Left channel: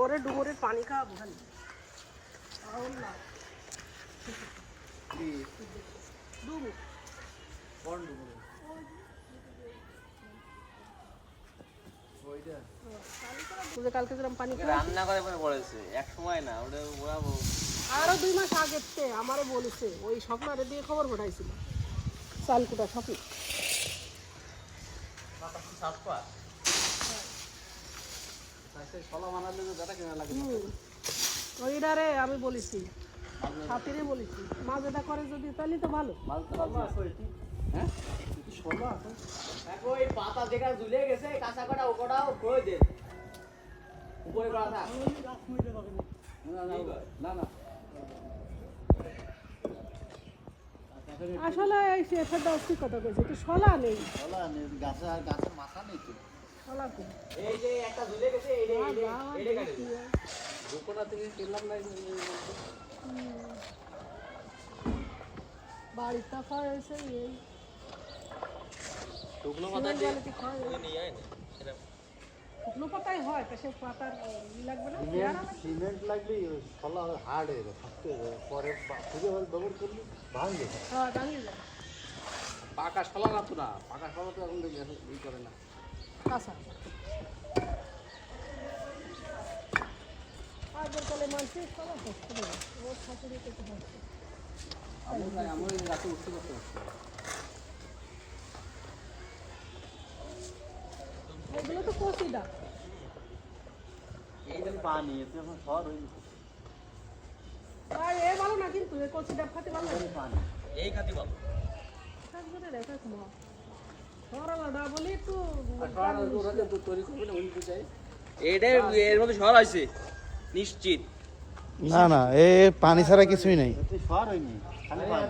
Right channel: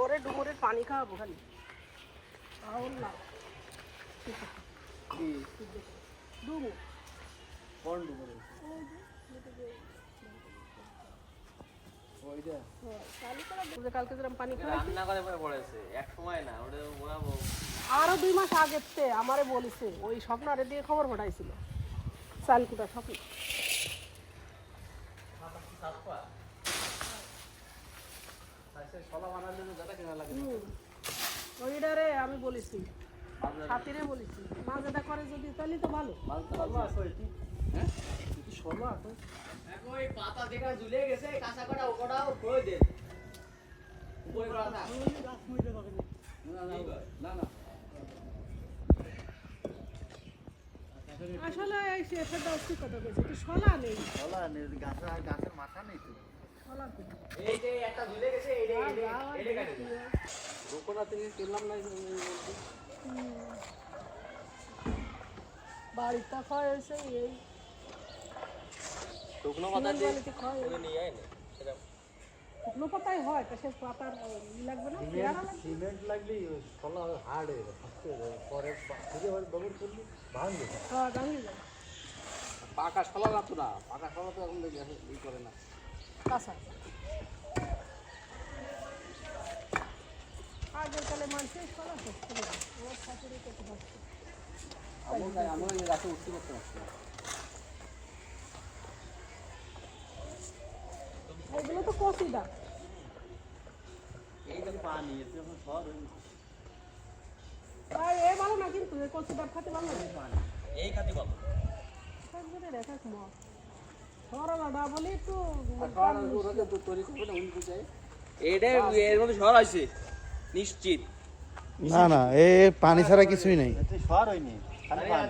ওরে ডুমুরের পানি খাওয়াবো খালি কালকে যেরকম পানি আরো 2 মাস আগে আমারে বলেছে ওই স্বপ্নারে দিয়ে খবর পাঠাইছিল চালকুটা স্বপ্ন ওইটারে আমি বলেছি খাতিরে বলেছি মা যেটা করে যদি তাহলে তো ভালো ওই পাতা যেখানে ঝুলে গেছে কাঁচা কটা ও কটাও কই দে উপরে করা থাক না না আসলে এই সেটা ঠিক কথা কইছে একটু শলা নেই গাছের মাথা নেই তো এই যে একটা ঝুলে গেছে এই কেটে দে রূপনা তুমি পেলাম না বাড়িটা খাওয়া হয়েছে এই শুকনো পাতা দিয়ে নিয়ে যায় না সেটা শুকনো পাতাই হয় তা সেই পাতার লাগবে না সিমেন্ট লাগলে ফলা হার্ড হয়ে যাবে শক্ত হয়ে যাবে পরে খুঁজে ব্যবহার করলে ভাঙবে হ্যাঁ ভাঙিয়ে যায় পাকা শলা না তো না পাকা শলা তো এখন ই করে না কাঁচা আগের কালে মানুষের করা হচ্ছে না ওর খাতিরে করতে হচ্ছে আমি রাতে স্কুলে পড়ছি এগুলো তো কচিটা এইটা পানি এতে এখন শহর হয়ে আর এ ভালো না কিন্তু এই কচিটা খাতে ভালো লাগে পানি এই খাতে পাবো একবারে দেখো মা সরালা না বলি একটু তৈরি করবে না উল্টে যায় এইটা এর মধ্যে শহর আছে নিশ্চিত না না এ পানি ছাড়া কিছুই নাই শহর হয়নি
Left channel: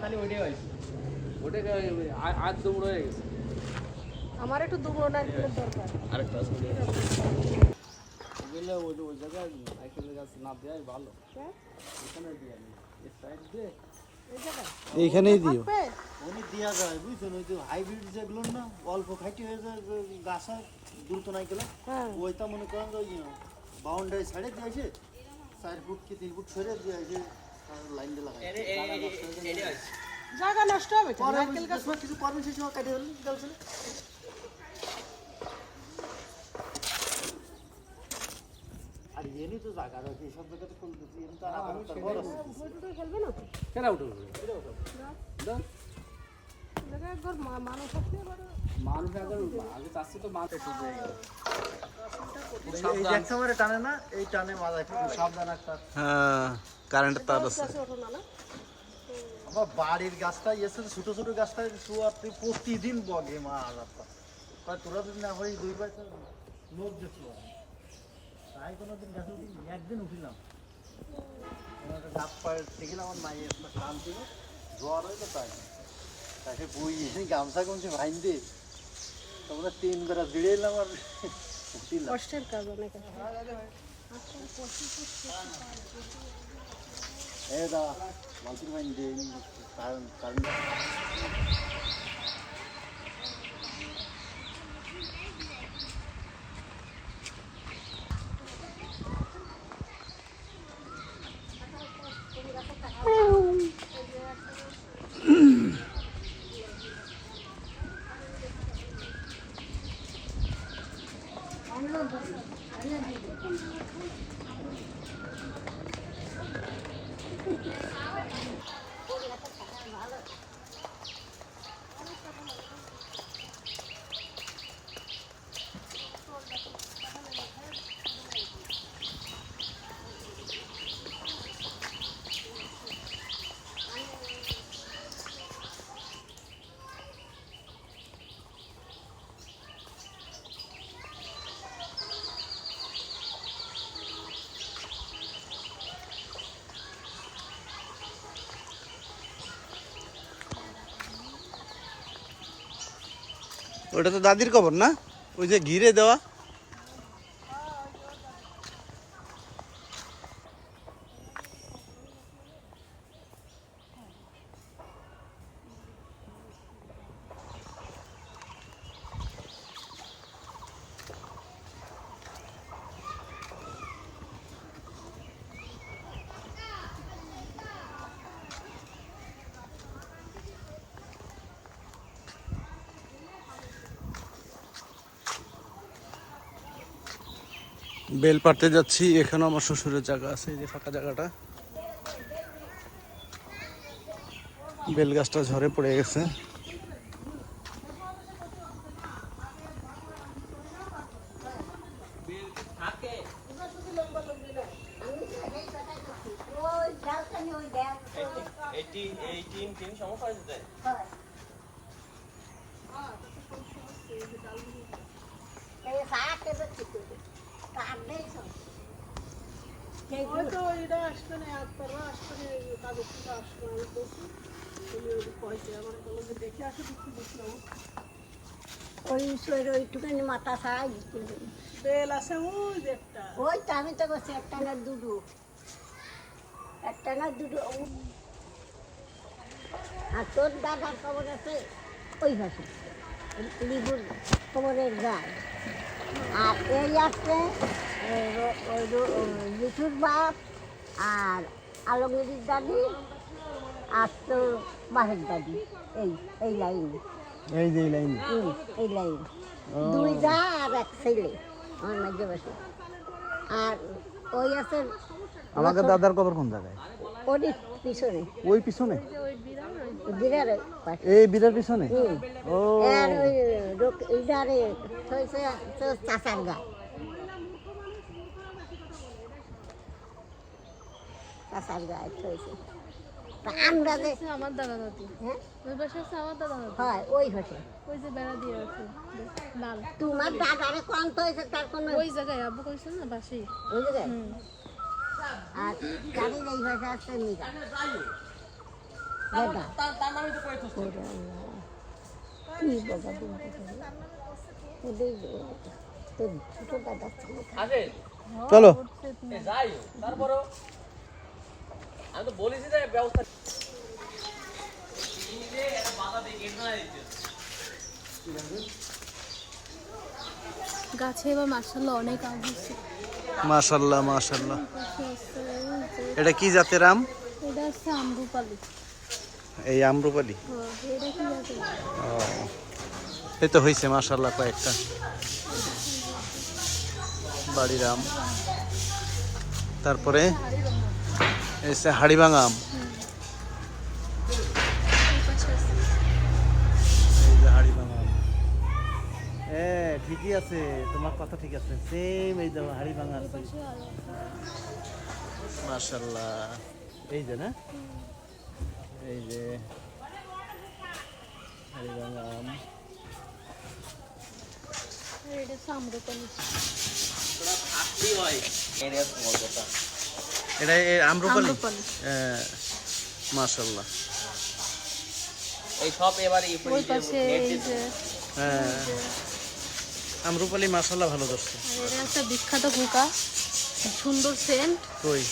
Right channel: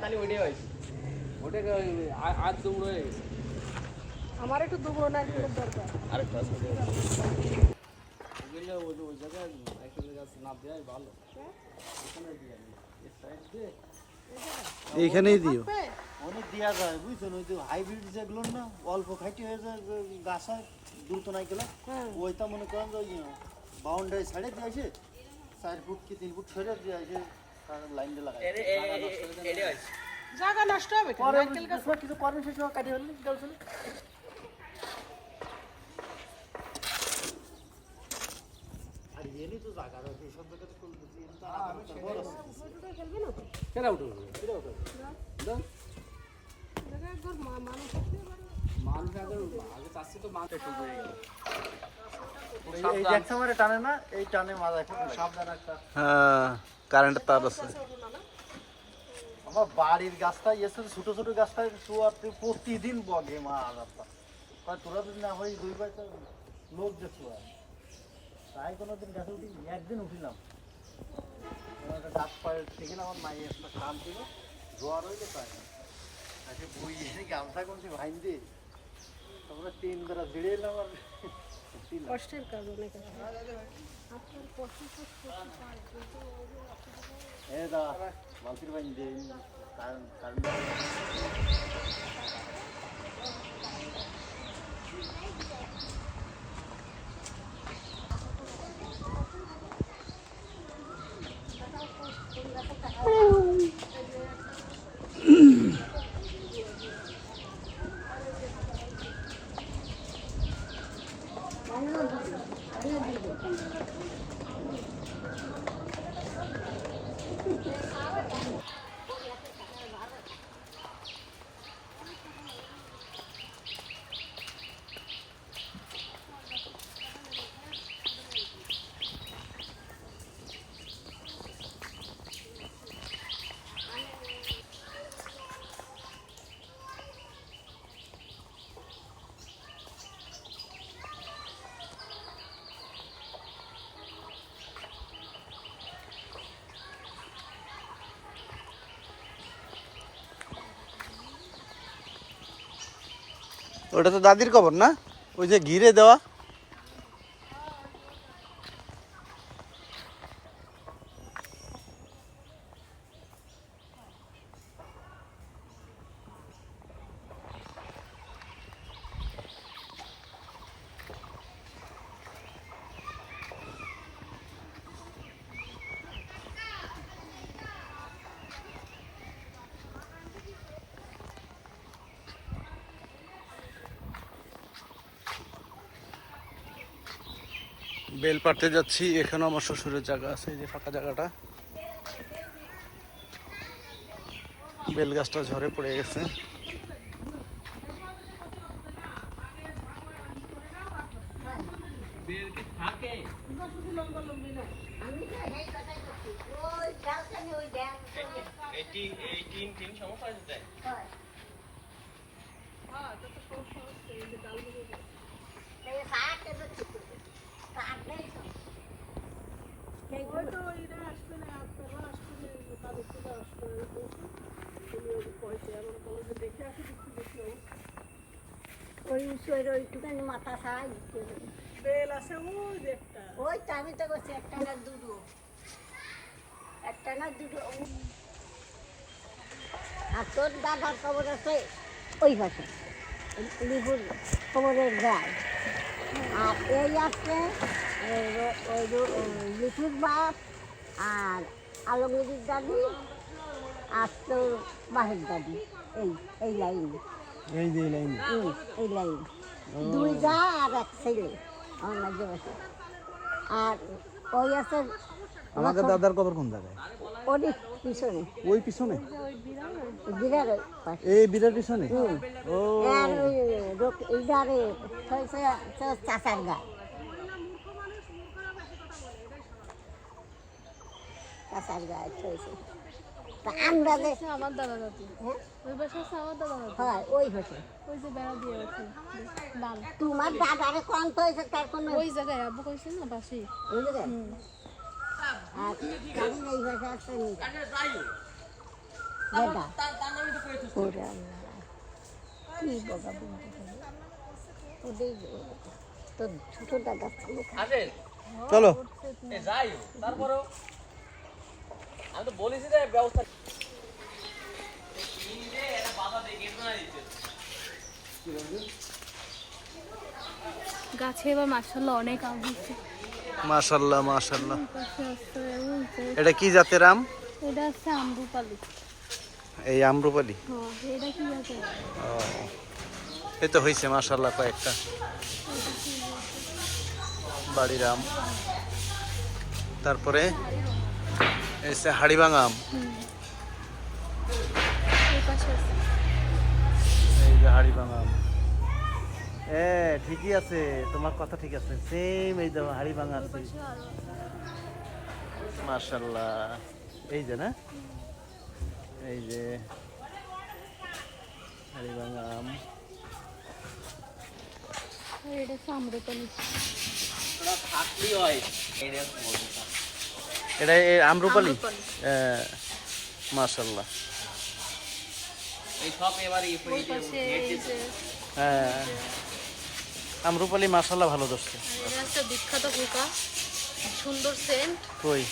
তাহলে ওইটাই হয়েছে ওটা আর দুমড়ো হয়ে গেছে আমার একটু দুবড়ো নারকেলের দরকার আরেকটা ওগুলো ওই জায়গায় নারকেলের গাছ না দেওয়াই ভালো এখানে দিয়ে এই সাইড দিয়ে এইখানেই দিও অনেক দেওয়া যায় বুঝছেন ওই যে হাইব্রিড যেগুলো না অল্প খাইটি হয়ে যায় গাছ হয় দ্রুত নাই গেলে ওইটা মনে করেন যে ওই বাউন্ডারি সাইডে দিয়েছে 4 ফুট কি 3 ফুট সরে দিয়েছে লাইন দিয়ে লাগাই জায়গা নষ্ট হবে তো নারকেল গাছ কিছু কর্ম শেষ কাটি হল চলছিল আর এনি তো জায়গা রয়েছে এই সব জায়গাতে ফুল দিচ্ছি কিন্তু খেলবে না তো কেন উঠবে একবার মানুষ থাকতে পারে মানুষ আগে চাচ্ছি তো মানুষ এই একসময় টানে না এই টানে মাথায় সাবধান একটা হ্যাঁ কারেন্টের তার আছে আমার বাড়ির গাছটা এসে ছোট ছোট গাছটা শুয়াতে প্রতিদিন বগে মা আজাবটা কয় তোরা যদি না হয় 2 পয়সা লোক দেখছো তাই কোনোদিন গাছে উঠি একদিন উঠিলাম একটা ডাব পায়ে থেকে আমার মাই একটা কাম ছিল জ্বর হইলো তাই তাকে বই গামছা কমছে ভাইন দিয়ে তোমরা 3 বেলা দিড়ে এলাম আর কষ্টের কাজ অনেক এই দাদা মালতির ভাইন দিয়ে কারণ ওটা তো দাদির কবর না ওই যে ঘিরে দেওয়া বেল পাড়তে যাচ্ছি। এখানে আমার শ্বশুরের জায়গা আছে, এই যে ফাঁকা জায়গাটা। বেল গাছটা ঝরে পড়ে গেছে। হয়তো এরা আসবে না, একবারও আসবে না, তাদের থেকে আসবে না। আমি বলছি, উনি ওদের কয়েছে, আমার বললো যে দেখে আসি, দেখতে দেখলাম। ওই শরীর ওইটুখানি মাথা ছাড়া দিতে হবে। বেল আছে ওই যে একটা। ওই তো আমি তো বলছি একটা না দুটো, একটা না দুটো। আর তোর দাদার খবর আছে ওই পাশে, লিবুর খবরের গায়ে। আর এই আছে ওই লিচুর বাপ আর আলমগীর দাদি আর তোর বাহের দাদি, এই এই লাইন, এই যে এই লাইন। এই লাইন দুই যা আর এক ছেলে আমার মাঝে বসে। আর ওই আছে আমাদের দাদার কবর কোন জায়গায়? ওর পিছনে, ওই পিছনে, বিরার পাশে। এই বিরার পিছনে। ও আর ওই ইধারে চাষার গায়ে, চাষার গায়ে থইছে। তা আমরা যে আমার দাদা দাদি, হ্যাঁ ওই পাশে আছে আমার দাদা দাদি, হয় ওই হচ্ছে ওই যে বেড়া দিয়ে আছে লাল, তোমার দাদারে কন্ত হয়েছে তার কোনো ওই জায়গায় আব্বু কইছে না বাসি। ওই জায়গায়। আর গাড়ির এই ভাষা আসতে নি দাদা ওরে আল্লাহ, কি দাদা ওদের তো ছোট দাদা ছেলে। চলো যাই তারপরে আমি তো বলেছি যে ব্যবস্থা গাছে এবার মাশাআল্লাহ অনেক আম হয়েছে। মাশাল্লাহ মাশাল্লাহ। এটা কি জাতের আম? এটা হচ্ছে আমরুপালি। এই আম্রপালি। এটা কি জাতের? ও, এই তো হয়েছে মাশাল্লাহ কয়েকটা। বাড়ির আম। তারপরে এসে হাড়িভাঙা আম। এই পাশে আছে। এই যে হাড়িভাঙা আম। ঠিকই আছে, তোমার কথা ঠিক আছে। সেম এই যে হাড়িভাঙা আছে মাশাল্লাহ। এই যে না, এই যে হাড়িভাঙা আম। আর এটা হচ্ছে আমরুপালি। থাকলেই হয় এরিয়া মজা। এটা এই আম্রপালি। আমরুপালি। মাশাল্লাহ। এই সব এবার ওই পাশে এই যে হ্যাঁ, আম্রপালি মাশাল্লাহ ভালো ধরছে। এটা হচ্ছে বিখ্যাত পোকা, সুন্দর সেন্ট। কই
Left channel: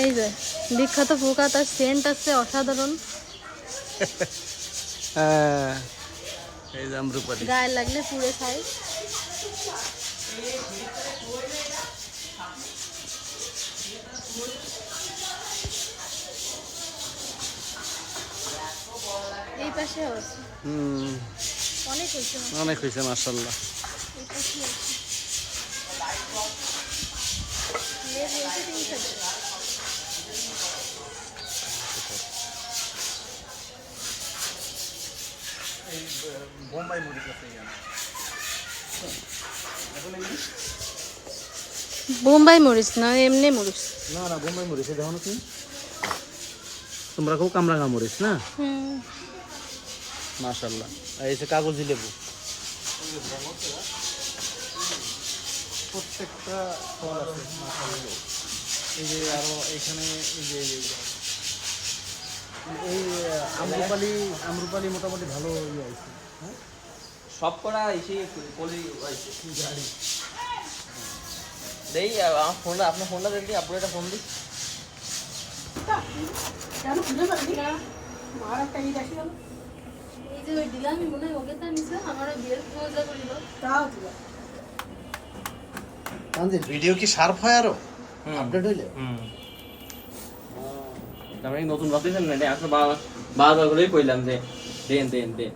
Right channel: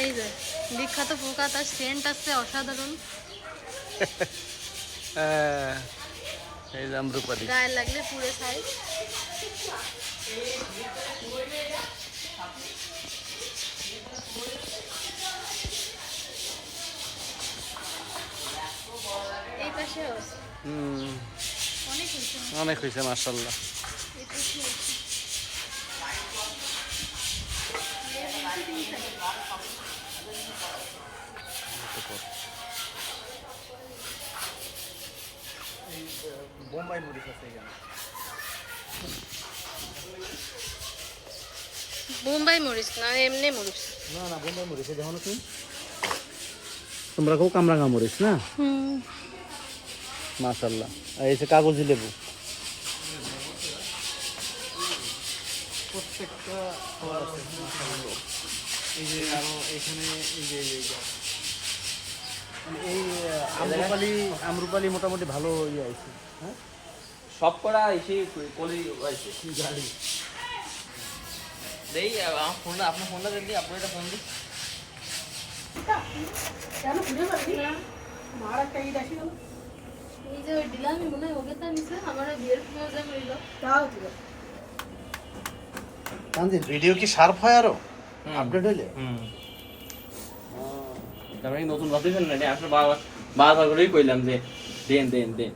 এই যে বিখ্যাত পোকা, তার সেন্ট আছে অসাধারণ। হ্যাঁ, এই যে আম্রপালি। গায়ে লাগলে পুড়ে খায়। এই পাশে আছে অনেক হয়েছে। অনেক হয়েছে মাশাল্লাহ। এই পাশে আছে। এর বেশি দিন থাকে। এই বোম্বাই মরিচ আছে এখানে। বোম্বাই মরিচ না, এমনি মরিচ। না না, বোম্বাই মরিচ দেখো না তুমি, তোমরা কেউ কামরাঙা মরিচ না। মাশাল্লাহ। আর এই যে কাগজি লেবু, প্রত্যেকটা ফল আছে মাশাল্লাহ। এই যে আরো এখানে এই যে এই আম্রপালি মোটামুটি ভালো ইয়ে আছে। হ্যাঁ, সব করা এসে কলি হয়েছে গাড়ি দেই। আমার ফোনটা, আপনার ফোনটা দেখি, আপনার একটা ফোন দিই। কেন খুঁজে পাচ্ছি না? মার একটা ঈদ আসি গেল। এই যে ওই দিলামই মনে হয় ওকে তার নিচে আমার ওই বিয়ের মজা করিল। তাও ঠিক আছে। ভিডিও কি শার্প হয় আরো আপডেট হইলে? তারপরে নতুন ভাবতেছেন না, আসলে বারবার করেই কইলাম যে দেন দেন দেন।